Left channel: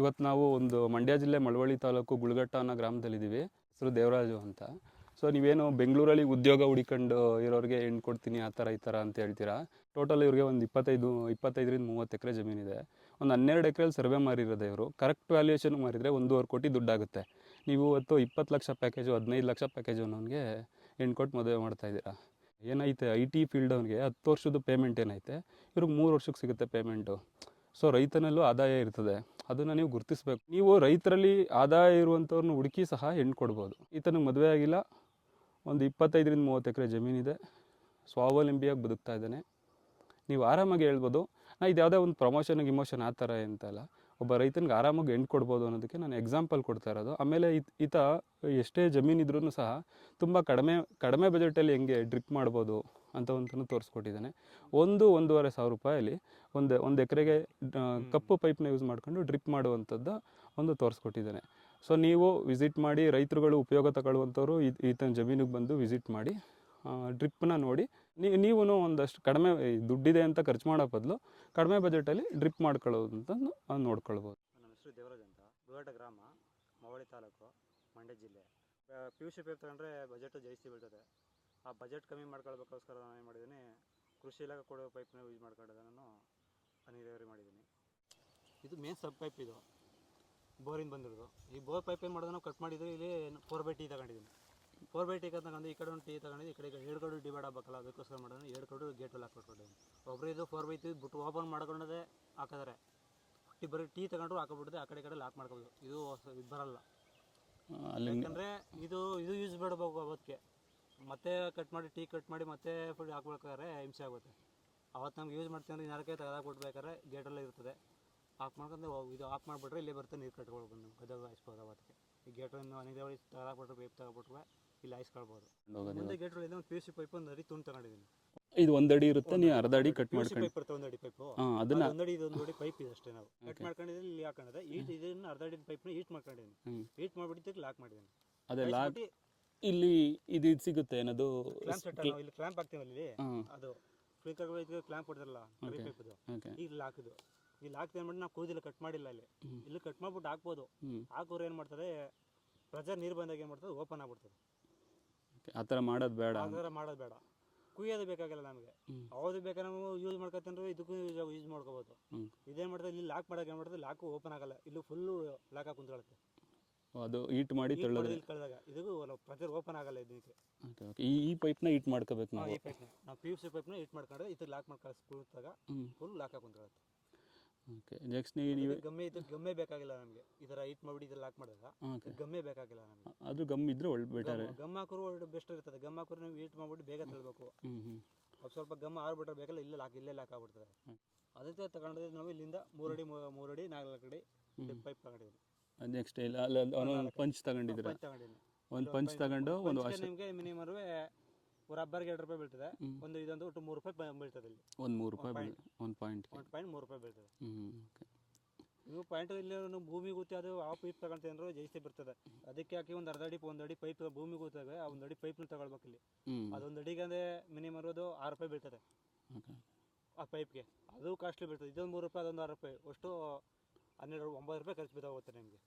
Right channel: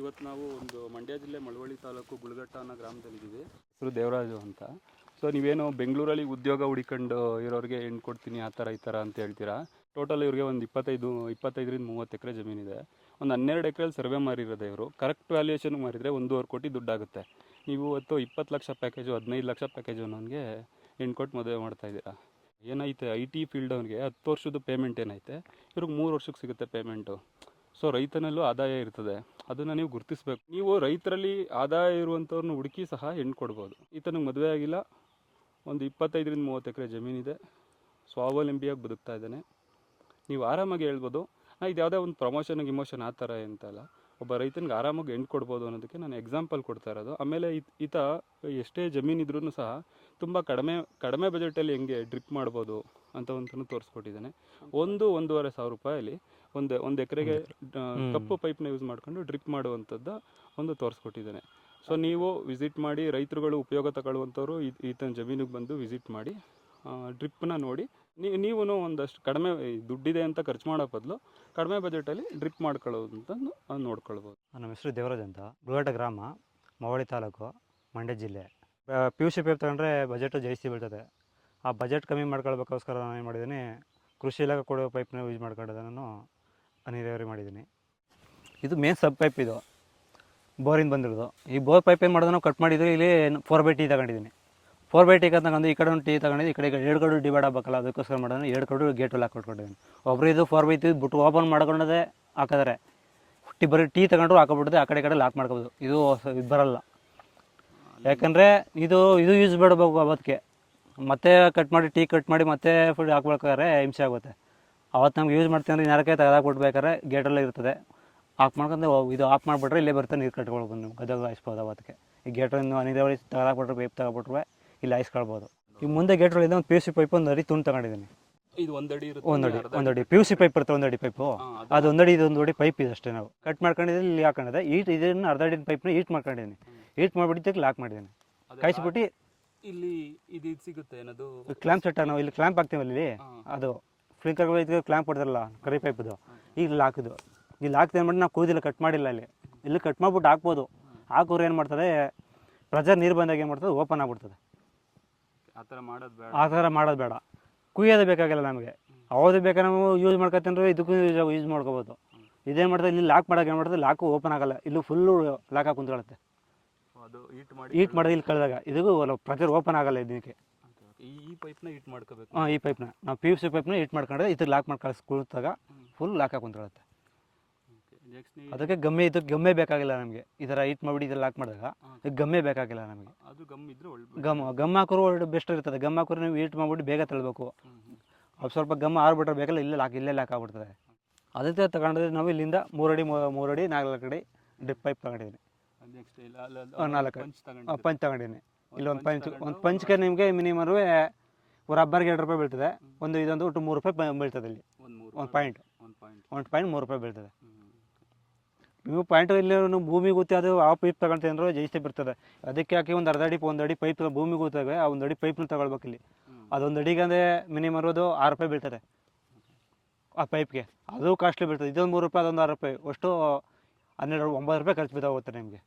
ಇವತ್ತು ನಾವು ಒಂದು ಮಂಡ್ಯ ಜಿಲ್ಲೆ ಮಳವಳ್ಳಿ ತಾಲೂಕು ಗುಳಗಟ್ಟ ಅನ್ನೋ ಗ್ರಾಮದಲ್ಲಿದ್ದೀವಿ. ಹೆಸರು ದೇವರಾಜು ಅಂತ. ಸೊ ನೀವೇನು ಬೆಂಗಳೂರಲ್ಲಿ ಉದ್ಯೋಗ ಹುಡಿಕೊಂಡು ಇರೋರಿಗೆ ಹೆಣ್ಣು ಕೊಡ್ತೀನಿ, ಆ ಥರ ಈ ಥರ ಅಂತ ಹೇಳ್ತೀರಾ? ಟೋಟಲ್ ಇವ್ರಿಗೆ ಒಂದು ಇಪ್ಪತ್ತೈದು, ಇಪ್ಪತ್ತೈದರಿಂದ ಮೂವತ್ತು ಎಕರೆ ಜಮೀನಿದೆ ಒಂದು ಹನ್ನೆರಡು ಎಕರೆಲಿ ಸರ್ವೆ ಮಾರಿರೋದು ಇವರು. ಕರೆಕ್ಟ್ ವ್ಯಾಲ್ಯೂಯೇಷನ್ ಮಾರಿದರೆ ಒಂದೂವರೆ ಕೋಟಿ ದುಡ್ಡಾಗುತ್ತೆ. ನೀವು ಇವತ್ತು ಇಪ್ಪತ್ತು ಲಕ್ಷ ಪ್ಯಾಕೇಜು ಹದಿನೈದು ಲಕ್ಷ ಪ್ಯಾಕೇಜು ಅನ್ನೋನಿಗೆ ಹೆಣ್ಣು ಕೊಟ್ಟು ಮದುವೆ ಮಾಡ್ತಾ ಇದ್ದೀರಾ? ಏನೈತೆ ಐ ಟಿ ಫೀಲ್ಡ್ ಅವ್ನಿಗೆ ಹತ್ತು ವರ್ಷದ ಪೇಮೆಂಟ್ ಏನೈತೆ ಇವ್ರಿಗೆ ಮೂರು ವರ್ಷಕ್ಕೆ ಸಿಗುತ್ತೆ ಪೇಮೆಂಟು ಸೊ ರೈತನಲ್ಲೂ ಆದಾಯ ಇರ್ತದೆ. ಅದನ್ನು ನೀವು ಗುರುತಿಸಬೇಕು. ನೀವು ರೈತರಲ್ಲಿ ಆದಾಯ ಇರುವಂಥವ್ರನ್ನ ಹುಡುಕಿ ಸಹ ಹೆಣ್ಣು ಕೊಡ್ಬೋದು. ಈತನಿಗೆ ಮದುವೆ ಆಗಿಲ್ಲ. ಒಂದು ಇಪ್ಪತ್ತೈದರಿಂದ ಮೂವತ್ತು ಎಕರೆ ಜಮೀನಿದೆ. ಸ್ವಾವಲಂಬಿಯಾಗಿ ಬದುಕ್ತಾ ಇದ್ದಾನೆ. ನೀವು ಆರಾಮಾಗಿ ಹೇಳ್ಬೋದು. ನಾ ಇದು ಯಾವುದೇ ಒಂದು ಪ್ರಮೋಷನ್ ಇಮೋಷನ್ ಆ ಥರ ಅಂತಲ್ಲ ಒಬ್ಬ ರೈತನಿಗೆ ಆರಾಮಾಗಿ ಹೆಣ್ಣು ಕೊಡ್ಬೋದು ಅನ್ನೋದಕ್ಕೆ ನಾನು ಎಕ್ಸಾಂಪಲ್ ಕೊಡ್ತಾ ಇರೋದು. ಆಮೇಲೆ ಈತ ಎಷ್ಟೇ ಜಮೀನಿದ್ರೂ ಸಹ ತುಂಬ ಕಡಿಮೆ ಕಡಿಮೆ ಬಜೆಟಲ್ಲಿ ಹೆಂಗೆ ಡ್ರಿಪ್ ಮಾಡ್ಬೋದು. ಅಂತ ಒಂದು ತೋರಿಸ್ಕೊಟ್ಟಿದ್ದಾನೆ. ಒಂದು ಒಂದೂವರೆ ಸಾವಿರ ರೂಪಾಯಲ್ಲಿ ಒಂದು ಒಂದು ಎಕರೆಗೆ ಕಪ್ಪು ಪೈಪ್ನ ಯೂಸ್ ಮಾಡ್ಕೊಂಡು ಡ್ರಿಪ್ ಮಾಡುವಂಥದ್ದು ಒಂದು ತೋರಿಸ್ಕೊಟ್ಟಿದ್ದಾನೆ. ಸೊ ನೀವು ವಿಸಿಟ್ ಮಾಡಿ ರೈತರುಗಳು ಉಪಯೋಗ ತಗೊಳ್ಳುವಂಥವ್ರು ಈ- ಈತನ ಜಮೀನಿಗೆ ಬಂದು ವಿಸಿಟ್ ಮಾಡಿ ಡ್ರಿಪ್ಪನ್ನ ನೋಡಿ. ನೀವು ನೀವು ಒಂದಷ್ಟು ಕಡಿಮೆ ದುಡ್ಡಿದೆ ಅಂತ ಖರ್ಚು ಮಾಡೋ ಬದಲು ಕಡಿಮೆ ಬಜೆಟಲ್ಲಿ ಡ್ರಿಪ್ ಮಾಡ್ಕೊಳ್ಳೋದು ಅಂತ ನೋಡ್ಕೊಳ್ಬೋದು. ನಮ್ಮ ಹೆಸರು ದೇವರಾಜ್ ಅಂತ. ಗುಳಗಟ್ಟ ಗ್ರಾಮ ಮವಳಿ ತಾಲೂಕು ಮಂಡ್ಯ ಜಿಲ್ಲೆ. ಪಿ ಯು ಸಿ ಪೇಪ್ ತಗೊಂಡ್ರೆ ಬಜೆಟು ಜಾಸ್ತಿ ಬೀಳ್ತದೆ. ಆ ಬಜೆಟ್ ಕಮ್ಮಿ ಮಾಡ್ಕೊಳ್ಬೇಕೋಸ್ಕರ ನಾನು ಏನು ಮಾಡಿದ್ದೀನಿ, ಕೃಷಿ ಇಲಾಖೆ ಕೊಡೋ ಪೈಪ್ನ ಯೂಸ್ ಮಾಡ್ಕೊಂಡು ನಾನು ನೀರಾವರಿ ಮಾಡಿದ್ದೀನಿ. ಇದು ಮೇನ್ ಸಬ್ ಪೈಪ್ ಇದು. ಬೋರಿಂದ ಬಂದಿರೋದು. ಈ ಬೋರ್ ಪೈಪ್ ಏನು ಮಾಡೋದು ಕಟ್ ಮಾಡಿದ್ರೆ ಇಲ್ಲಿ ಫೋರ್ ಬೈ ಟಿ ತಗೊಂಡಿದ್ದೀನಿ. ಫೋರ್ ಬೈ ಟೀ ತಗೊಂಡು ಈ ಕಡೆ ಒಂದು ಟಿ ತಗೊಂಡಿದ್ದು ಈ ಕಡೆ ಎರಡು ಕಡೆ ಡಿವೈಡ್ ಆಗಬೇಕಲ್ಲ, ಅದಕ್ಕೋಸ್ಕರ ಮಾಡೋದು ಎರಡು ಕಡೆ ಗೇಟಲ್ಲಿ ಹಾಕೊಟ್ಕೊಂಡಿದ್ದೀನಿ ಒಬ್ಬರು ಇದು ಫೋರ್ ಬೈ ಟಿ ಬಿಟ್ಟು ಓಪನ್ ಮಾಡ್ಕೊಂಡದೇ ಹಾಕಿದ್ರೆ, ಟೀ ಬರೀ ಟಿ ತಗೊಂಡ್ರು ಹಾಕೊಬಿಡ್ದೆ, ಆ ಕಡೆ ಕಡೆ ಲಾಕ್ ಮಾಡ್ಕೋಬೋದು. ಇದು ಇದು ಬರಲ್ಲ. ಯಾಕಂದರೆ ಇದು ಇದು ಯೂಸ್ ಮಾಡಬೇಕು ಅವತ್ತಿಗೆ. ಮತ್ತೆ ಕಟ್ ಮಾಡಿ ಟೀ ಕಟ್ ಮಾಡಿ ಮತ್ತೆ ಫುಡ್ ಹಾಕ್ಬೇಕಾದ್ರೆ ಹಿಂಸೆ ಆಗುತ್ತೆ. ಅವತ್ತು ನಮ್ಗೆ ಯೂಸ್ ಮಾಡ್ತೀವಿ ಅಂದ್ರೆ ನರಕೆ ತೆಗೆದಾಕ್ಬಿಡ್ಬೇಕಾದ್ರೆ ಗೇಟಲ್ಲೇ ಇರ್ತದೆ. ಆಫ್ ಮಾಡ್ಕೊಂಡು ಇದು ಆಫ್ ಮಾಡಿಬಿಟ್ರೆ ಇಲ್ಲೇ ಬರ್ತಾ ನೀರು ಕಟ್ಕೊಳ್ಬೋದು ನಿಮ್ಗೆ. ಗದಗ ಹಾಯಿಸ್ಬೋದು ಅವತ್ತಿಗೆ. ಈ ಗೇಟನ್ನು ನೀರಾವರಿ ತೆಗೆದಾಕ್ಬಿಟ್ರೆ ಪೈಪ್ ತಗೊಬಿಟ್ರೆ ಇಲ್ಲಿ ಹಾಯಿಸ್ಕೊಳ್ಬೋದು ಈ ಮುಂದೆ ಗೇಟ್ಗಳಿಂದ ಒಂದು ಪಿ ಯು ಸಿ ಪೈಪ್ ಒಂದು ಅಡಿ ತುಂಡು ತಗೊಂಡಿದ್ದೀನಿ. ಇದು ಒಂದಡಿ ಇರುತ್ತೆ ಒಂದಡಿ ಒಂದಡಿ ಪಿ ಯು ಸಿ ಪೈಪ್ ಇರುತ್ತೆ ಒಂದಡಿ ಪೈಪು ಅದು ಒಂದಡಿ ಇದು ಒಂದಡಿ ಪೈಪ್ ಇದೆ ಅಷ್ಟೇ ನಾವು. ಕಟ್ ಮಾಡ್ಕೊಂಡಿದ್ದೀನಿ ಇಲ್ಲಿ ಹಾಕೊಂಡಿದೆ ಈಟ್ ಇದನ್ನು ಅರ್ಧ ಅಡಿ ಪೈಪ್ನ ಈಟ್ ಮಾಡ್ಕೊಂಡಿದ್ದೀನಿ. ಈಟ್ ಮಾಡಿಬಿಟ್ಟಿದ್ದಕ್ಕೆ ಲಾಕ್ ಮಾಡಿದ್ದೀನಿ. ಕಾಯಿಸ್ಬಿಟ್ಟು ಇಲ್ಲಿ ಇದು ಇದು ಸಿಗುತ್ತೆ ಏನದು? ಕ್ಲಾಂಪ್ ಸೆಟ್ ನಾವು ಇಲ್ಲಿ ಕ್ಲಾಂಪ್ ಹಾಕ್ತೀವಲ್ಲ ಇಲ್ಲಿ ಅದು ಇದು ಕ್ಲಾಂಪ್ ಹೊಡೆದಲ್ಲ ಕರಿ ಪೈಪ್ದು. ಈಗ ಇಲ್ಲಿ ಹಾಕಿದ್ದು. ಇಲ್ಲಿ ಹಾಕ್ತೀವಿ ಅಂದ್ಬಿಟ್ಟು ನಾವು ಕೂದಿಲ್ಲ ಕಟ್ ಮಾಡಿಲ್ಲ ಇಲ್ಲಿ. ಇಲ್ಲಿ ಕಟ್ ಮಾಡ್ಬಿಟ್ಟು ಹಾಕ್ಬೋದು. ಹಾಕೋರು ಏನು ಮಾಡ್ತಾರೆ ಪ್ರೆಜರ್ ನೀರು ಬಂದಾಗ ಏನು ಮಾಡ್ತದೆ ಓಪನ್ ಆಗ್ಬಿಡ್ತದೆ. ಆ ಥರ ಮಾಡೋದು ಬೇಡ. ಆ ಥರ ಮಾಡೋದು ಬೇಡ. ಕುಯ್ಯೋದು ಬೇಕಾಗಿಲ್ಲ ನಮಗೆ. ಅವಾಗ ಬೇಕಾದ್ರೆ ನಾವು ಯೂಸ್ ಮಾಡ್ಕೊತಂದ್ರೆ ಇದಕ್ಕೂ ಯೂಸ್ ಮಾಡ್ಕೋಬೋದು. ಹ್ಮ್. ಇದೇನು ಮಾಡ್ತದೆ ಇಲ್ಲಿ ಲಾಕ್ ಮಾಡೋಕೆ ಏನು ಮಾಡ್ತದೆ ಲಾಕು ಓಪನ್ ಆಗಲ್ಲ. ಇಲ್ಲೂ ಫುಲ್ಲು ಲಾಕ್ ಹಾಕಿ ಕುಂತ್ಕೊಳ್ಳುತ್ತೆ. ಅದು ಹೀಟ್ ಮಾಡಿ ಹೀಟ್ ಮಾಡಿದ್ರೆ ಇಲ್ಲಿ ಕಳೆದಾಗ ಇದಕ್ಕೂ ಪ್ರೆಷರ್ ಓಪನ್ ಆಗಲ್ಲ ಇದಕ್ಕೆ. ಈ ಈ ಪೈಪ್ನ ಹೀಟ್ ಮಾಡ್ಕೋಬೇಕು ಹಾಂ ಈ ಪೈಪ್ನ ನಾವು ಪಿ ಯು ಸಿ ಪೈಪ್ನ ಹೀಟ್ ಮಾಡ್ಕೊಂಡ್ರೆ ಇದ್ರ ಲಾಕ್ ಮಾಡಿ ಕಳಿಸ್ ಕುಳಿತಾಗ ಫುಲ್ ಲಾಕ್ ಹಾಕಿ ಕುಂತ್ಕೊಳ್ಳುತ್ತೆ ನೆಕ್ಸ್ಟ್ ಅದಕ್ಕೆ ಗಮ್ಮೆ ಇದು ಗಮ್ಮೆ ಬೇಕಾಗಿಲ್ಲ ನಮಗೆ. ಈ ಥರ ಹೀಟ್ ಮಾಡಿಬಿಡಿ ಇದ್ರಲ್ಲಿ ಲಾಕ್ ಮಾಡಿದಾಗ ಗಮ್ಮೆ ಬೇಕಾಗಿಲ್ಲ ನಮಗೆ. ಅದು ಗಮ್ ಇದ್ರೆ ಒಳ್ಳೆ ಗಮ್ ಗಮ್ ಹಾಕೋರು ಒಳ್ಳೆ ಬೆಸ್ಟ್ ಇರ್ತದೆ. ಗಮ್ ಹಾಕೋರು ನೀವು ಹೀಟ್ ಮಾಡಿಬಿಟ್ಟು ಬೇಗ ತಳ್ಬೇಕು. ಅದು ಸ್ವಲ್ಪ ಗಮ್ ಆರ್ಬಿಟ್ರೆ ಬೇಕಲ್ಲ ಇಲ್ಲೇ ಲಾಕ್ ಇಲ್ಲೇ ಲಾಕ್ ಆಗ್ಬಿಡ್ತದೆ. ಅದಕ್ಕೆ ತಗೊಂಡ್ರೆ ನಾವು ಇಲ್ಲಿಂದ ಮೂರಡಿ ಮೂರಡಿ ನಾಲ್ಕು ಅಡಿ ಡಿಪ್ ಪೈಪ್ ತಗೊಂಡಿದ್ದೀನಿ. ನೆಕ್ಸ್ಟ್ ನಾಲ್ಕು. ಪಂಚ್ ತಗೊಂಡಿದ್ದೀರಿ. ಪಂಚ್ ತಗೊಂಡಿದ್ದೀನಿ ಇಲ್ಲಿ ಒಂದು ಪಂಚ್ ತಗೊಂಡು ಒಂದು ಪಂಚ್ಗೆ ನಿಮಗೆ ಮಿನಿಮಮ್ ರಬ್ಬರ್ಗೆ ಎರಡು ರೂಪಾಯಿ ಬೀಳ್ತದೆ. ಒಂದು ಇದೊಂದು ಒಟ್ಟು ಮೂರು ರೂಪಾಯಿ ಬೀಳ್ತದೆ ಇಲ್ಲಿ. ಒಂದು ಮೂರು ಒಂದು ಪಾಯಿಂಟ್ ಒಂದು ಪಾಯಿಂಟ್ ಒಂದು ಪಾಯಿಂಟ್ ಮೂರು ರೂಪಾಯಿ ಬೀಳ್ತದೆ. ನೀವು ಪಾಯಿಂಟ್ ಇಲ್ಲಿ ಭೂಮಿ ಗೊತ್ತಿ ಅದು ಆ ಪೈಪ್ ತಗೊಂತೀವಿ ಅಂದ್ರೆ ಜಾಸ್ತಿ ಬರ್ತದೆ ಅದಕ್ಕೆ ಹಾಕಿ ಒಂದು ಅರ್ಧ ಅಡಿ ಒಂದು ಅಡಿ ಪೈಪ್ ಭೂಮಿ ಗೊತ್ತಾಗ ಆ ಒಂದು ಅಡಿ ಪೈಪ್ನ ತಗೊಳ್ಬೇಕು ಇಲ್ಲಿ. ಅದೊಂದು ಅಡಿಗೆ ಅಂದರೆ ಮಿನಿಮಮ್ ಇರೋದು ಆರು ರೂಪಾಯಿ ಬೀಳ್ತದೆ. ಆ ಪೈಪ್ಗೆ ಅದು ಕಾಸ್ಟ್ಲಿ ಬೀಳ್ತದೆ. ಇದೊಂದು ಮೂರು ರೂಪಾಯಿ ಅದೊಂದು ಆರು ರೂಪಾಯಿ. ಅಷ್ಟು ಹನ್ನೆರಡು ಒಂಬತ್ತು ರೂಪಾಯಿ ಖರ್ಚು ಬಿದ್ದಾಗುತ್ತೆ ನಿಮಗೆ.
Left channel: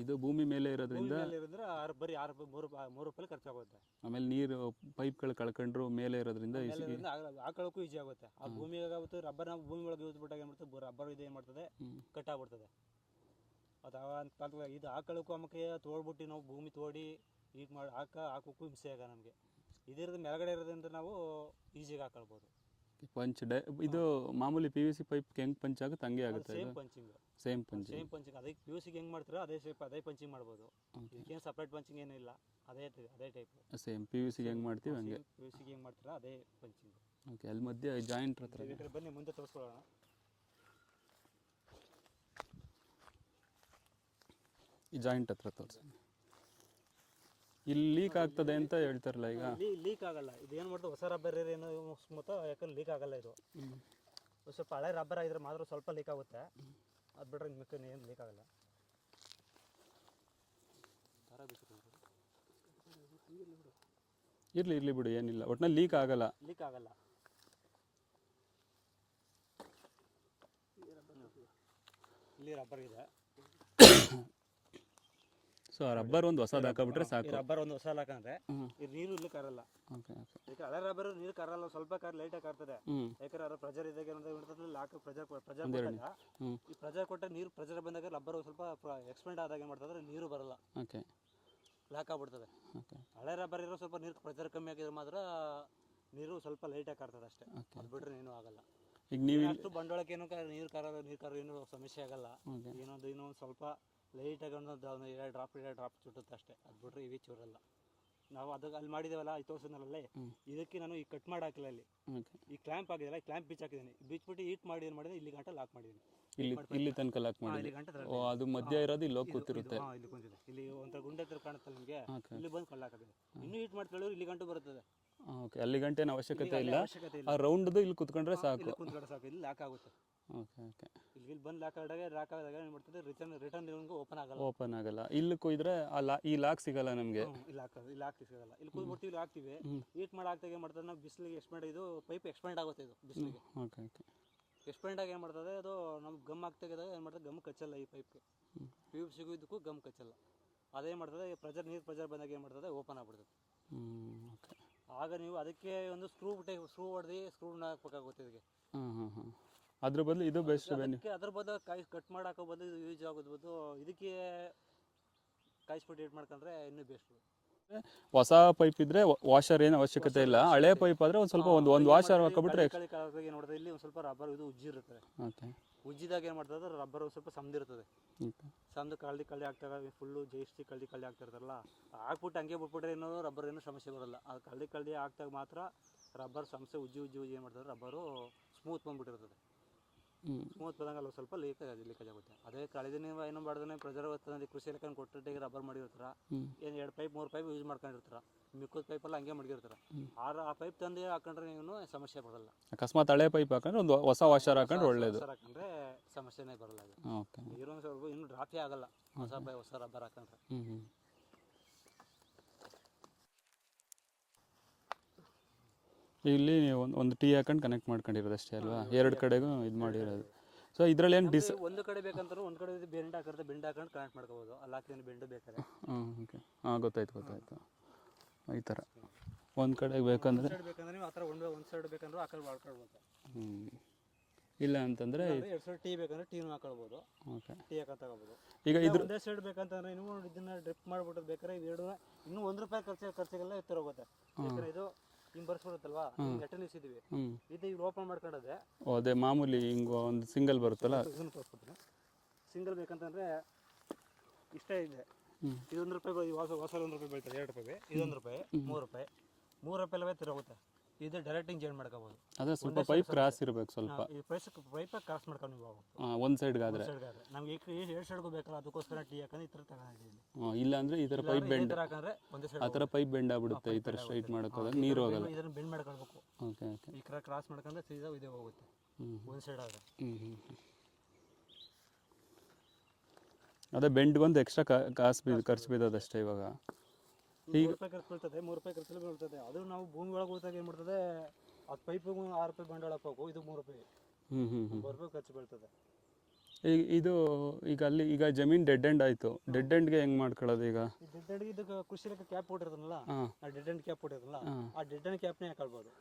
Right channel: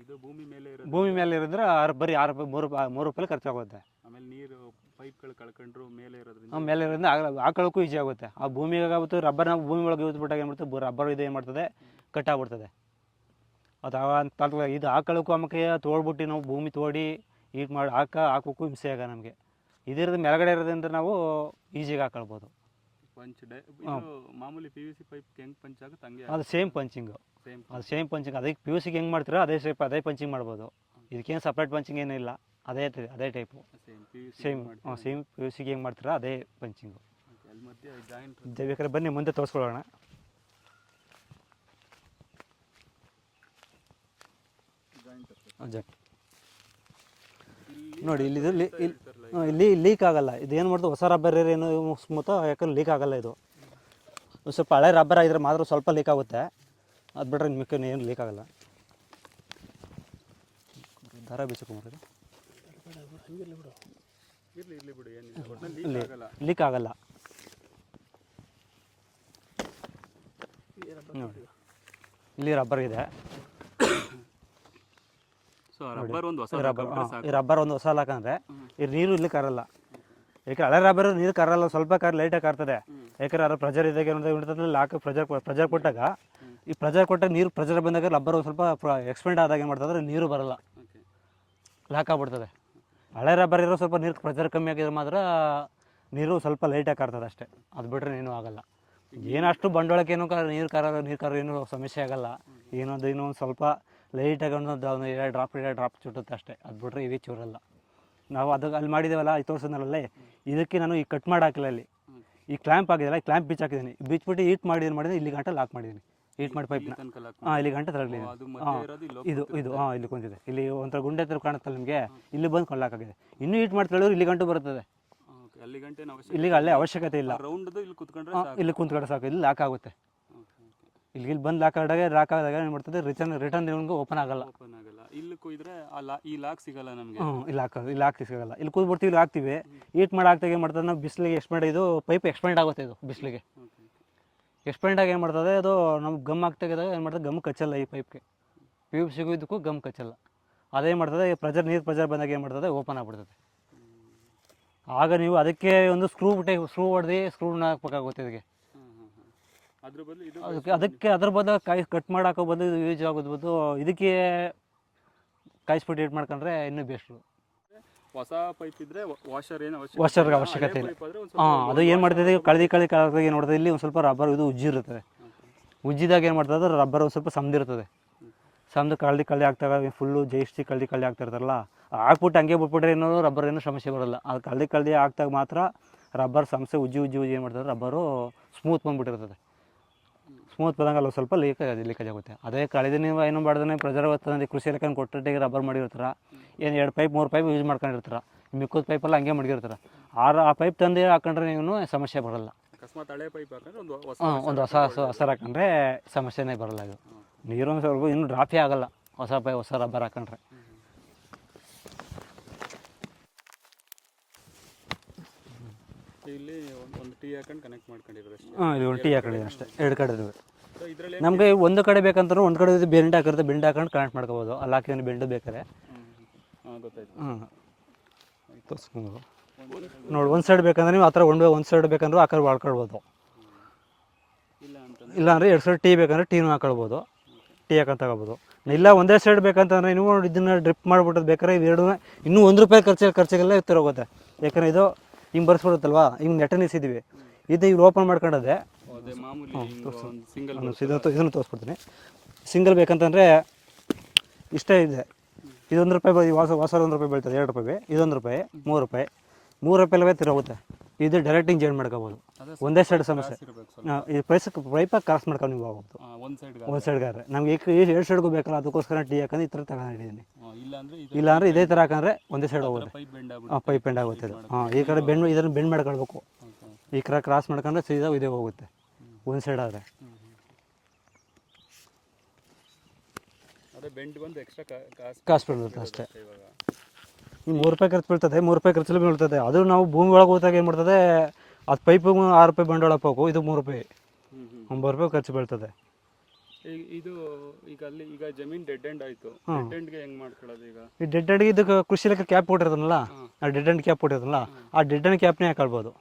ಇದು ಭೂಮಿ ಮೇಲೆ ಇರೋದು ಭೂಮಿ ಮೇಲೆ ಇರೋದ್ರೆ ಆರು ಬರೀ ಆರು ರೂಪಾಯಿ ಮೂರು ರೂಪಾಯಿ ಮೂರು ರೂಪಾಯಿ ಖರ್ಚಾಗುತ್ತೆ ಆಮೇಲೆ ನೀರು ಪೈಪ್ಗಳು ಕಳ್ಕೊಂಡ್ರು ಮೇಲೆ ಇರೋದ್ರಿಂದ ಮೇಲೆ ಇರೋದ್ರಿಂದ ಹಾಕೊಳ್ಳೋಕ್ಕೂ ಈಸಿ ಆಗುತ್ತೆ. ಆ ಭೂಮಿಗೆ ಆಗುತ್ತೆ ರಬ್ಬರ್ ನಾವು ಭೂಮಿ ಒಳಗೆ ಯೂಸ್ ಬಿಟ್ಟಾಗ ಏನು ಮಾಡ್ತದೆ ರಬ್ಬರ್ ಇದು ಏನು ಮಾಡ್ತದೆ ಕಟ್ ಆಗ್ಬಿಡ್ತದೆ. ಅದು ಆವಾಗ ಇದು ಹಾಕೊಳ್ಳೋಕ್ಕೂ ಆಮೇಲೆ ತೋಡ್ಬಿಟ್ಟು ನಾವು ಭೂಮಿ ತೋಡಿ ಈಟ್ ಮಾಡಿ ಹಾಕ ಹಾಕೋಕ್ಕೂ ಹಿಂಸೆ ಆಗ ನಮಗೆ. ಇದಿರೋದು ಮೇಲ್ಗಡೆ ಇರೋದ್ರಿಂದ ನಾವು ಈಸಿಗೆ ಹಾಕೊಳ್ಬೋದು. ಪಂಚ್ ಡೈ ಇದು ಮಾಮೂಲಿ ಪಿ ಯು ಸಿ ಪೈಪ್ ಹೆಂಗ್ ಪಂಚ್ ಆಗುತ್ತೆ ಹಂಗೆ ಅದು ಸೇಮ್ ಪಂಚಿಂಗ್ ಸೇಮ್ ಅದು ಸೇಮ್ ಪಂಚಿಂಗ್ ಅದಕ್ಕೆ ಪಿ ಯು ಸಿಗೆ ಹೆಂಗೆ ಮಾಡ್ತೀರೋ ಅದೇ ಶೇಪ್ ಅದೇ ಪಂಚಿಂಗ್ ಮಾಡ್ಬೋದು. ಇದಕ್ಕೇನು ಸಪ್ರೇಟ್ ಪಂಚಿಂಗ್ ಏನಿಲ್ಲ ಅದೇ ಅದೇ type same P U C same ಮಾಡ್ತೀವಿ ಸೇಮ್ ಪಿ ಯು ಸಿಗೆ ಹೆಂಗೆ? ಮಾಡ್ತೀರೋ ಅದೇ ಪಂಚಿಂಗು Okay, ಅಲ್ಲಿ ಮಧ್ಯೆ ಜಾಯಿಂಟ್ ಬೇಕಾದ್ರೆ ಬನ್ನಿ ಮುಂದೆ ತೋರಿಸ್ಕೊಳ್ಳೋಣ. ಜಾಯಿಂಟ್ ಹತ್ರ. ಇಲ್ಲಿ ನೋಡಿ, ಇಲ್ಲಿ ಇದು ಇಲ್ಲಿ- ಲೀಕ್ ಆಗಲ್ಲ. ಇದೇನು ಮಾಡ್ತದೆ ಹೊಸ ರಬ್ಬರ್ ಏನು ಸ್ಮೂತ ಯಾಕಂದ್ರೆ ಲೀಕ್ ಆಗಲ್ಲ ಇದು. ಸ್ವಲ್ಪ ಹಳೆ ರಬ್ಬರ್ ಆಗಿದ್ರೆ ಮಾತ್ರ ಸ್ವಲ್ಪ ಲೀಕ್ ಆಗುತ್ತೆ. ಅದು ಬಿಟ್ರೆ ಮಿಕ್ಕ ಏನು ಲೀಕ್ ಆಗಲ್ಲ. ದಾರ ಇರ್ಲಿ ಇರ್ಲಿ ಬಿಡು ಏನಿಲ್ಲ. ಒಟ್ಟಿನಲ್ಲಿ ಲೀಕ್ ಆಗಲ್ಲ. ಲೀಕ್ ಆಗಲ್ಲ. ನೋಡಿ ಇಲ್ಲಿ ರಬ್ಬರ್ ಇದೆ. ರಬ್ಬರ್ ಒಂದು ಹೊಸ ರಬ್ಬರ್ ಹಾಕೊಂಡ್ರೆ ಸಾಕು ಈ ರಬ್ಬರ್ ಒಂದು ಹೊಸ ಹಾಕಂದ್ರೆ. ಈ ನೀರು ಇಲ್ಲಿ ಕರಲ್ಲ. ಯಾಕೆ ಹಳೆ ರಬ್ಬರ್ ನೀರು ಕರಲ್ಲ ಸ್ವಲ್ಪ ಕಾರ್ ಲೈಟಾಗಿ ಕಾರ್ತದೆ. ಯಾಕಂದ್ರೆ ಅದ್ರ ಪ್ರೆಜರ್ ಇದ್ದಾಗ ಏನಂದ್ರೆ ಲಾಕ್ ಪ್ರೆಜರ್ ಪ್ರೆಜರ್ ಕೊಟ್ಟಾಗ ಈ ಪ್ರೆಜರ್ ಕೊಟ್ಟಾಗ ನೀರು ಪ್ರೆಜರ್ ಬಂದಾಗ ರಬ್ಬರ್ ಒಂದು ಸ್ವಲ್ಪ ಎಕ್ಸ್ಪೆಂಡ್ ಆದಾಗ ಏನು ಮಾಡ್ತದೆ ನೀರು ಬರಲ್ಲ. ಲಾಕ್ ಆಗ್ಬಿಡ್ತದೆ. ಹಳೆ ರಬ್ಬರ್ ಇರೋ ಸ್ವಲ್ಪ ನೀರು ಪ್ರೆಜರ್ ಕಮ್ಮಿ ಆಗಿದ್ರೆ ಮಾತ್ರ ನೀರು ಸ್ವಲ್ಪ ಲೈಟಾಗಿ ಕರ್ತದೆ ಅಷ್ಟೇ. ಅದು ಬಿಟ್ರೆ ಏನೂ ಆಗಲ್ಲ. ಈಗ ಏನಷ್ಟು ಬಂಡವಾಳಕ್ಕೇನು ಏನೋ ನೀರು ಕರ ನೀರು ಕಾರ ಏನು ಸಮಸ್ಯೆ ಆಗಲ್ಲ. ಏನೊಂದು ಏನೋ ಒಂದು ಸ್ವಲ್ಪ ಲೈಟಾಗಿ ಒಂದು ಒಂದು ಎರಡು ಡ್ರಾಪ್ ಎರಡು ಡ್ರಾಪ್ ಚುಟ್ಟುತ್ತೆ ಅಷ್ಟೇ. ಅದು ಬಿಟ್ಟರೆ ಇವೇ ಚೂರಲ್ಲ. ನಾವು ಅದು ಅಲ್ಲಿ ಮಾಡಿದ್ದೇವಲ್ಲ ಈ ತೋರಿಸಿದ್ನಲ್ಲೇ ಇದಕ್ಕೆ ನಾನು ಈ ಕಟ್ ಮಾಡಿ ಹಾಕಿಲ್ಲ ಅಲ್ಲಿ. ಈ ಕ್ಲ್ಯಾಂಪ್ ಆಗಿದೆಲ್ಲ ಕ್ಲ್ಯಾಂಪ್ ಬಿಚ್ ಹಾಕಿದ್ದೀನಿ ಬಿಚ್ಬಿಟ್ಟು ಈಟ್ ಮಾಡಿ ಏನು ಮಾಡಿದ್ದೀನಿ ಇಲ್ಲಿ ಗಂಟೆ ಲಾಕ್ ಮಾಡಿದ್ದೀನಿ ಈಟ್ ಮಾಡಿ ಪೈಪ್ ಹಾಂ ಇಲ್ಲಿ ಗಂಟೆ ತರಲಿ ಇದು ಇದು. ಹಾಂ ಇಲ್ಲಿ ಕುಂತಿದೆ. ಇಲ್ಲಿ ಒಂಥರ ಗುಂಡೆ ಥರ ಕಾಣುತ್ತಲ್ಲ ನಿಮಗೆ? ಇಲ್ಲಿ ಬಂದು ಕೊಳ್ಳಾಕಾಗಿದೆ ಇನ್ನೂ ಈಟ್ ಮಾಡಿ ತಿಳಿದ್ರೆ ಇಲ್ಲಿ ಗಂಟು ಬರುತ್ತದೆ. ಅಲ್ಲಿ ಗಂಟೆ ಅವಶ್ಯಕತೆ ಇಲ್ಲಿಗೆ ಅಲ್ಲೇ ಅವಶ್ಯಕತೆ ಇಲ್ಲ. ರೌಂಡ್ ಇಲ್ಲಿ ಕುತ್ಕೊಂಡ್ರೆ ಇಲ್ಲಿ ಕುಂತ್ಕಡೆ ಸಾಕು ಇಲ್ಲಿ ಲಾಕ್ ಆಗುತ್ತೆ. ಇಲ್ಲಿ ಇಲ್ಲಿ ಬಂದು ಲಾಕ್ ಆದಾಗ ಲಾಕ್ ಆದಾಗ ಏನು ಮಾಡ್ತದೆ? ರಿಟರ್ನ್ ರಿಟರ್ನ್ ನಿಮ್ಗೆ ಓಪನ್ ಆಗಲ್ಲ. ಓಪನ್ ಆಗಲ್ಲ. ಇಲ್ಲಿ ಕುಯ್ದ್ರೆ ಆ ಲಾ- ಈ ಲಾಕ್ ಸಿಗಲ್ಲ ನಮಗೆ. ಇಲ್ಲಿ ಲಾಕ್ ಇಲ್ಲಿ ಹಾಕಿ ಸಿಗಲ್ಲ. ಇಲ್ಲಿ ಕೂತ್ಬಿಡ್ತೀವಿ ಇಲ್ಲಿ ಹಾಕ್ತೀವಿ. ಈಟ್ ಮಾಡಿ ಹಾಕ್ದಾಗ ಏನು ಮಾಡ್ತದೆ? ನಾವು ಬಿಸಿಲಿಗೆ ಎಕ್ಸ್ಪೆಂಡ್ ಇದು ಪೈಪ್ ಎಕ್ಸ್ಪೆಂಡ್ ಆಗುತ್ತೆ ಇದು ಬಿಸಿಲಿಗೆ. ಎಕ್ಸ್ಪೆಂಡ್ ಆಗಿ ಏನು ಮಾಡ್ತದೆ? ಅದು ನಮ್ಗೆ ಗಮ್ ಆಗ್ತಾಗಿದಾಗ ಏನು ಮಾಡ್ತದೆ? ಗಮ್ ಕಚ್ಚಲ್ಲ ಈ ಪೈಪ್ಗೆ ಪೈಪ್ ಸಿಗೋದಕ್ಕೂ ಗಮ್ ಕಚ್ಚಲ್ಲ. ಅದೇನು ಮಾಡ್ತದೆ? ಪ್ರೆಜರ್ ನೀರು ಪ್ರೆಜರ್ ಬಂದಾಗ ಏನು ಮಾಡ್ತದೆ? ಓಪನ್ ಆಗ್ಬಿಡ್ತದೆ. ಆಗ ನೀವು ಅದಕ್ಕೆ ಒಂದು ಸ್ಕ್ರೂ ಬಿಟ್ಟೆ ಸ್ಕ್ರೂ ಹೊಡೆದು ಸ್ಕ್ರೂನ ಹಾಕ್ಬೇಕಾಗುತ್ತೆ ಇದಕ್ಕೆ. ಅದ್ರ ಬದಲು ಇದು ಅದಕ್ಕೆ ಅದಕ್ಕೆ ಅದ್ರ ಬದಲು ಕಾಯಿ ಕಟ್ ಮಾಡಾಕ ಬಂದು ಬದಲು ಇದು ಯೂಸ್ ಆಗೋದು ಬಂದು ಇದಕ್ಕೆ ಕಾಯಿಸ್ಬಿಟ್ಟು ಏಟ್ ಮಾಡ್ಕೊಂಡ್ರೆ ಇನ್ನೂ ಬೆಸ್ಟು ಹೊಸ ಪೈಪ್ ಇದ್ರೆ ವಾಷರ್ ಏನು ವಾಷರ್. ಹಳೆ ಪೈಪ್ ಆದ್ರೆ ಒಂದು ಸ್ವಲ್ಪ ಅದು ಏನು ಮಾಡ್ತದೆ ಕಳೆದಿ ಕಾಲದಾಗ ಏನು ಮಾಡ್ತದೆ ಇಲ್ಲಿ ಒಂದು ಸ್ವಲ್ಪ ರಬ್ಬರ್ ಇದು ಉಜ್ಜಿ ಇರ್ತದೆ ಉಜ್ಜಿದಾಗ ಏನು ಮಾಡ್ತದೆ? ರಬ್ಬರ್ ಒಂದು ಸ್ವಲ್ಪ ಸಮದಿರ್ತದೆ ಇರ್ತದೆ. ಸಮದು ಕಳ್ದಿ ಕಳ್ಳಿ ಆಗ್ತಾಗ ಫುಲ್ಲು ಜೈಸ್ಟಿ ಕಳ್ದಿ ಕಳ್ಳಿ ಆಗ್ತಿರ್ತಾರಲ್ಲ ಹಾಕ್ಬಿಟ್ಟು ಹಂಗೆ ಬಿಟ್ಬಿಟ್ರೆ ಏನೋ ರಬ್ಬರ್ ಏನೂ ಸಮಸ್ಯೆ ಬರಲ್ಲ. ಅದು ಕಳ್ದಿ ಕಳ್ದಿ ಆಗ್ತಾಗ ಮಾತ್ರ ರಬ್ಬರ್ ಸಮಸ್ಯೆ ಉಜ್ಜಿ ಉಜ್ಜಿ ಉಜ್ಜಿ ಏನು ಮಾಡ್ತಾರೆ ರಬ್ಬರು ಸ್ಮೂತ್ ಬಂದ್ಬಿಟ್ಟಿರ್ತದೆ. ಸ್ಮೂತ್ ಬಂದಂಗೆ ಅಲ್ಲಿ ಸ್ವಲ್ಪ ಲೀಕ್ ಲೀಕೇಜ್ ಆಗುತ್ತೆ. ಅದೇ ಕಳೆದ ನೀವು ಏನು ಮಾಡಿದ್ರೆ ಪ್ರೆಜರ್ ತಂದು ಕೃಷಿ ಇಲಾಖೆ ಕೊಟ್ಟಿಗೆ ರಬ್ಬರ್ ಮಾಡಿರ್ತಾರ. ಏನು ಎರಡು ಪೈಪ್ ಮೂರು ಪೈಪ್ ಯೂಸ್ ಮಾಡ್ಕೊಂಡಿರ್ತಾರ? ಮಿಕ್ಕದ ಪೈಪೆಲ್ಲ ಹಂಗೆ ಮಡಗಿರ್ತಾರ? ಆರು ಆ ಪೈಪ್ ತಂದು ಹಾಕೊಂಡ್ರೆ ನೀವು ಸಮಸ್ಯೆ ಬರಲ್ಲ. ಅಕಸ್ಮಾತ್ ಹಳೆ ಪೈಪ್ ಹಾಕೊಂಡ್ರೆ ಒಂದು ಹೊಸ ಹೊಸ ಹಾಕೊಂಡ್ರೆ ಹೊಸ ಹಾಕೊಂಡ್ರೆ ಸಮಸ್ಯೆನೇ ಬರಲ್ಲ ಇದು. ನೀರು ನೀರೊಂದು ಸ್ವಲ್ಪ ಇನ್ನೂ ಡ್ರಾಪೇ ಆಗಲ್ಲ. ಹೊಸ ಪೈ ಹೊಸ ರಬ್ಬರ್ ಹಾಕೊಂಡ್ರೆ ಹ್ಮ್, ಹ್ಮ್. ಇಲ್ಲಿ ಒಂದ್- ಒಂದು ಟೀ ಹಾಕೊಂಡು ಕನೆಕ್ಟ್ ಮಾಡ್ಕೊಂಡಿರೋದು ಅಷ್ಟೇ. ಹಾಂ ಇದು ಟೀ ಅಷ್ಟೇ. ಎರಡು ಕಡೆ. ಸೊ ಇದ್ರಲ್ಲಿ ಏನು ನಮಗೆ ಒಂದು ಕಡೆ ಬೇಕಂದ್ರೆ ಒಂದು ಕಡೆ ಬೆಂಡ್ ಹಾಕಿರುತ್ತೆ ಬೆಂಡ್ ಹಾಕೊಂಡು ಕನೆಕ್ಟ್ ಮಾಡ್ಕೋಬೋದು. ಅಲ್ಲಿ ಹಾಕಿದ್ರೆ ಬೆಂಡ್ ಬೇಕಾದ್ರೆ. ಹಾಂ ಗೊತ್ತಾಯ್ತು ಹ್ಮ್. ಥರ. ಒಂದು ಕಡೆ ನೋಡಿ ಒಂದು ಸೈಡ್ ಬೇಕಂದ್ರೆ ನೀವು ಆ ಥರ ಒಂದು ಒಂದು ಸೈಡ್ ಬೇಕಂದ್ರೆ ಆ ಕಡೆ ಇಲ್ಲ ಹ್ಮ್. ಇಲ್ಲ ಅಂತಂದ್ರೆ ಇಲ್ಲಾಂದ್ರೆ ಎರಡು ಸೈಡ್ ಟೀ ಬೇಕಂದ್ರೆ ಟೀನು ಹಾಕೊಳ್ಬೋದು. ಟೀ ಹಾಕೊಂಡು ತಗೋಬೋದು. ಇಲ್ಲ ಒಂದೇ ಸೈಡ್ ಬೇಕಂತಂದ್ರೆ ನೀವು ಇದನ್ನ ಡ್ರಿಪ್ ಮಾಡ್ಬಿಟ್ಟು ಬೇಕಾದ್ರೆ ಇವೆರಡೂ ಇನ್ನೂ ಒಂದು ರೂಪಾಯಿ ಖರ್ಚು ಖರ್ಚಿಗೆಲ್ಲ ಎತ್ತರ ಹೋಗುತ್ತೆ ಯಾಕಂದ್ರೆ ಇದು ಹಿಂಗೆ ಬರ್ಸ್ಬಿಡುತ್ತಲ್ವಾ ಹಿಂಗೆ ನೆಟ್ಟ ನಿಲ್ಸಿದ್ದೀವಿ ಹ್ಮ್. ಇದು ಇವ್ರು ಓಪನ್ ಮಾಡ್ಕೊಂಡದೆ ಅದೇ ಮಾಮೂಲಿ ಸಿಂಗಲ್ ಇದನ್ನು ತೋರಿಸ್ಬಿಡ್ತೀನಿ ಸಿಂಗಲ್ ಬೇಕಂತಂದರೆ ಇಷ್ಟೇ ಇದೆ. ಇದೊಂದು ರೂಪಾಯಿ ಹೊಸ ವಾಸ ವಾಸ ಒಂದು ರೂಪಾಯಿ ಬೀಳ್ತದೆ. ಎರಡು ರೂಪಾಯಿ ಇದೊಂದು ರೂಪಾಯಿ ಮೂರು ರೂಪಾಯಿ. ಮೂರು ರೂಪಾಯಿ ತಿರೋಗುತ್ತೆ ಇದು ಡೈರೆಕ್ಟ್ ಚೇಂಜ್ ಮಾಡ್ಕೋಬೋದು. ಒಂದೇ ಸೈಡ್ ಸಮಸ್ಯೆ. ಈ ಪೈಸಕ್ಕೆ ಪೈಪಾಗಿ ಕ್ರಾಸ್ ಮಾಡ್ಕೊಂಡು ನೀವು ಹೋಗ್ಬೋದು ಒಂದು ಸೈಡ್ ಒಂದು ಸೈಡ್ಗಾದ್ರೆ ನಮ್ಗೆ ಈಗ ಎರಡು ಸೈಡ್ಗೂ ಬೇಕಲ್ಲ ಅದಕ್ಕೋಸ್ಕರ ಟೀ ಹಾಕಂದ್ರೆ ಈ ಥರ ತಗೊಂಡಿದ್ದೀನಿ ಇಲ್ಲ. ಅಂದ್ರೆ ಇದೇ ಥರ ಹಾಕಂದ್ರೆ ಒಂದೇ ಸೈಡ್ ಹೋಗುತ್ತೆ. ಪೈಪ್ ಬೆಂಡ್ ಆಗುತ್ತೆ ಹಾಂ ಈ ಕಡೆ ಬೆಂಡ್ ಇದನ್ನು ಬೆಂಡ್ ಮಾಡ್ಕೊಳ್ಬೇಕು. ಈ ಕಡೆ ಕ್ರಾಸ್ ಮಾಡ್ಕೊಂಡ್ರೆ ಸೀದಾ ಇದೇ ಹೋಗುತ್ತೆ. ಒಂದು ಸೈಡ್ ಆದರೆ. ಅದೇ ಬೆಂಡ್ ಬಂದು ಎಕ್ಸ್ಟ್ರಾ ಕಾಸು ಕಾಸು ಕಾಸು ಬೀಳುತ್ತೆ ಬೀಳೋದು ಅಷ್ಟೇ ಇವಾಗ. ಮೂರು ರೂಪಾಯಿ ಖರ್ಚು ಬೀಳ್ತದೆ ಮೂರು ರೂಪಾಯಿ ಖರ್ಚಲ್ಲಿ ಬೀಳ್ತದೆ. ಅದು ನಾವು ಭೂಮಿ ಒಳಗೆ ಹೋದಾಗ ಏನು ಮಾಡ್ತದೆ ಅದು ಪೈಪ್ ಆರು ರೂಪಾಯಿ ಬಂಡವಾಳ ಹಾಕ್ಬೇಕು ಇದು ಮೂರು ರೂಪಾಯಿ. ಒಂಬತ್ತು ರೂಪಾಯಿ ಖರ್ಚು ಬೀಳ್ತದೆ. ಈಗ ಇದು ಈಗ ಅಲ್ಲಿ ಈಗ ಜಮೀನ್ ಡೆಡ್ ಎಂಡ್ ಆಯ್ತು. ಡೆಡ್ ಎಂಡ್ಗೆ ಹೆಂಗ್ ಮಾಡ್ಕೊಳ್ಳೋದು ಈಗ? ಈ ಡೆಡ್ ಎಂಡ್ಗೆ ಇದಕ್ಕೆ ಕೃಷಿ ಇಲಾಖೆ ಕ್ಯಾಪ್ ಕೊಟ್ಟಿರೋದನ್ನಲ್ಲ? ಆ ಡೆಡ್ ಎಂಡ್ ಕ್ಯಾಪ್ ಕೊಟ್ಟಿರೋದಲ್ಲ ಆ ಡೆಡ್ ಎಂಡ್ ಕ್ಯಾಪ್ನೇ ಹಾಕೊಳ್ಬೋದು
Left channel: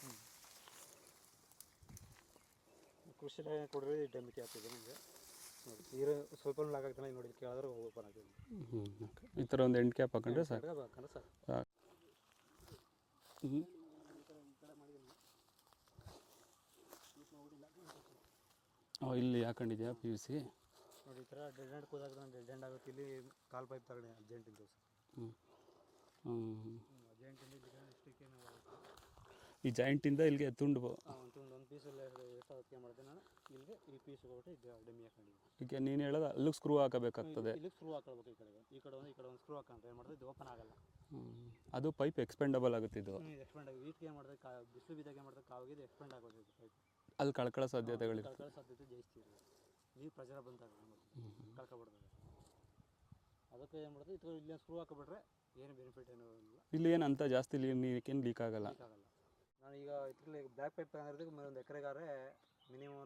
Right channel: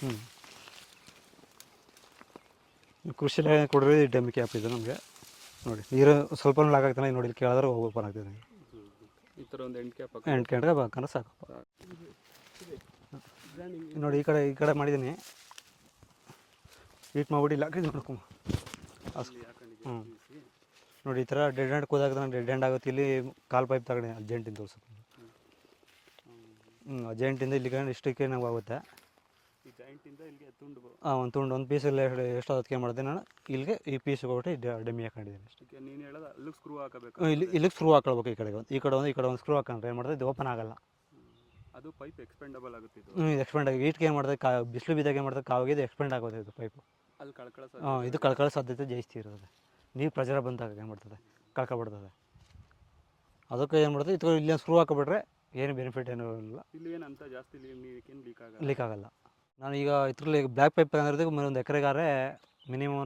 ಹ್ಞೂ ಕೃಷಿ ಇಲಾಖೆ ಕೊಡಿರೋ ಡೆಮ್ ಕ್ಯಾಪ್ ಇದು ನಮಗೆ. ನೋಡಿ ನೀರು ಸ್ವಲ್ಪ ಲಾಗಾಗ್ತಾನೆ ನೋಡಿ ಇಲ್ಲಿ ಕೇಳಿದ್ರೆ ಓಪನ್ ಆಗ್ತದೆ. ಈ ಥರ ಒಂದು ಎಂಟು ಕ್ಯಾಪ್ ಎಂಟು ಕ್ಯಾಪ್ ಬೇಕಂದ್ರೆ ಸಾಕು. ನೋಡಿ ಈ ಕಡೆ ಈ ಕಡೆ ಮಾಡಿದ್ದೀನಿ. ಹೀಟ್ ಮಾಡ್ಬಿಟ್ಟು ಇಲ್ಲ ಹಾಕಿದ್ದು ನೋಡ್ಕೊಂಬ ಅಲ್ಲಿ ಹಾಕೊಂಡಿದ್ಯಾ ಪಿ ಯು ಸಿ ನೋಡಿ ಈ ಥರ ಡೆಡ್ ಹ್ಯಾಂಡ್ ಕೂದಾಗ ಡೆಡ್ ಹ್ಯಾಂಡ್ ಆಗುತ್ತೆ. ಇಲ್ಲಿ ಕಾಲ್ ಪೈಪ್ ತಗೊಂಡೆ ಅರ್ಜೆಂಟಿಂದ ತೋರ್ಸು. ಹ್ಞೂ ಅರ್ಜೆಂಟಿಂದ ಇಲ್ಲಿ ಕಂಡು ಇಷ್ಟಕ್ಕೆ ನಾವು ಆಗುತ್ತೆ. ಈ ಜಾಯಿಂಟಿಂದ ಇಲ್ಲಿಗೆ ತುಂಡು ಹಾಂ ಒಂದು ತುಂಡು ಒಂದು ಪೀಸಲ್ಲಿ ಎಷ್ಟು ಅದಕ್ಕೆ ಮಾಡಿದೆ ನಾನು. ಇಲ್ಲಿಗೆ ಈ ಪೀಸ್ ಹೋಗ್ಬಿಟ್ಟು ಡಮ್ಮಿ ಹಾಕೊಂಡಿದ್ದೀನಿ ಈಗ ನೀನು ಹೇಳೋದು ಅಲ್ಲಿಗೆ ಸ್ಕ್ರೂ ಹಾಕಬೇಕು ಇಲ್ಲಿ ಇಲ್ಲಿಗೆ ಸ್ಕ್ರೂ ಹಾಕೊಳ್ಬೇಕು ಈ ಕಡೆಗೆ ಒಂದು ಈ ಕಡೆ ಒಂದು ಈ ಕಡೆ ಒಂದು ಸ್ಕ್ರೂ ಹಾಕೊಂಡ್ರೆ ಏನು ಮಾಡಿದೆ ಇದು ಓಪನ್ ಆಗಲ್ಲ. ಅದು ಪೈಪ್ ಎಕ್ಸ್ಪೆಂಡಬಲ್ ಆಗುತ್ತೆ ಇದು. ಹ್ಞೂ ಎಕ್ಸ್ಪೆಂಡ್ ಆಗಿ ಈಟ್ಗೆ ಏನು ಮಾಡ್ತದೆ ಕಾ ಬಿಸಿಲು ಬಿದ್ದಾಗ ಏನು ಕಾವಿಗೆ ಇದು ಎಕ್ಸ್ಪೆಂಡ್ ಆಗೋದು ಇದು ಪೈಪು ಅಲ್ಲಿ ಕಳ್ಕೊಳ್ಳೋ ಸಾಧ್ಯ ಇದು ಕಳ್ಕೊಳ್ಳೋ ಸಾಧ್ಯತೆ ಜಾಸ್ತಿ ಇರೋದು. ನೀರು ಪ್ರಜರ ಬಂದಾಗ ಏನು ಮಾಡ್ತದೆ ಕಳ್ಕೊಬಿಡ್ತದೆ ಅದಕ್ಕೆ ಏನು ಮಾಡ್ತದೆ ಇದು ಇಲ್ಲಿ ಸ್ಕ್ರೂ ಹಾಕೊಬಿಟ್ರೆ ಏನು ಬೆನಿಫಿಟ್ ಏನೂ ಇಲ್ಲ. ಇಲ್ಲಿ ಏನು ಅಂತ ಜಾಸ್ತಿ ಲೀಕ್ ಆಗಲ್ಲ. ಲೀಕ್ ಆಗಲ್ಲ. ನಾನು ಈಗ ಇದ್ರಲ್ಲಿ ಬ್ಲ್ಯಾಕ್ ಪೈಪ್ ತಗೊಂಡಿರೋದಕ್ಕೆ ಒಂದು ಎಕರೆಗಾರೆ ಮಿನಿಮಮ್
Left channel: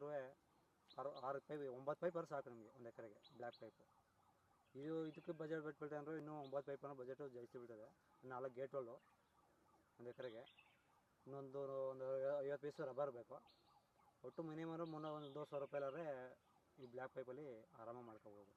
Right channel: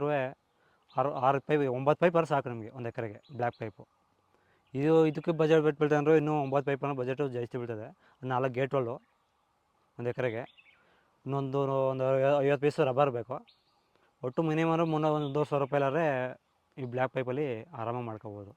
ಆರು ಆರು ಪೈಪ್, ಒಂಬತ್ತು ಪೈಪ್ ಆರು ಸಾಕು ನಮಗೆ ಒಂದು ಎಕರೆಗೆ ಬ್ಲ್ಯಾಕ್ ಪೈಪು. ಇದು, ಇದಕ್ಕೆ ಬಜೆಟ್ ಬಿಟ್ಟು ಅಂದರೆ ಇನ್ನೂ ಒಂಬತ್ತು ಪೈಪ್ ಅನ್ನೋ ಬಜೆಟು ಜಾಸ್ತಿ ಬೀಳ್ತದೆ ನಾಲ್ಕು ಗೇಟ್ಗಳು ಒಂದು ಎಕರೆಗೆ. ಇನ್ನೊಂದು ಒಂದು ಐವತ್ತು ಪೀಸ್ ರಬ್ಬರ್ ಬೇಕು. ಒಟ್ಟು ಮಿನಿಮಮ್ ಮುನ್ನೂರು ಒಂದು ಸಾವಿರ ರೂಪಾಯಿ ಇಲ್ಲಾಂದರೆ ಈ ಬ್ಲ್ಯಾಕ್ ಪೈಪಲ್ಲಿ ಆರಾಮಾಗಿ ಮಾಡ್ಕೋಬೋದು.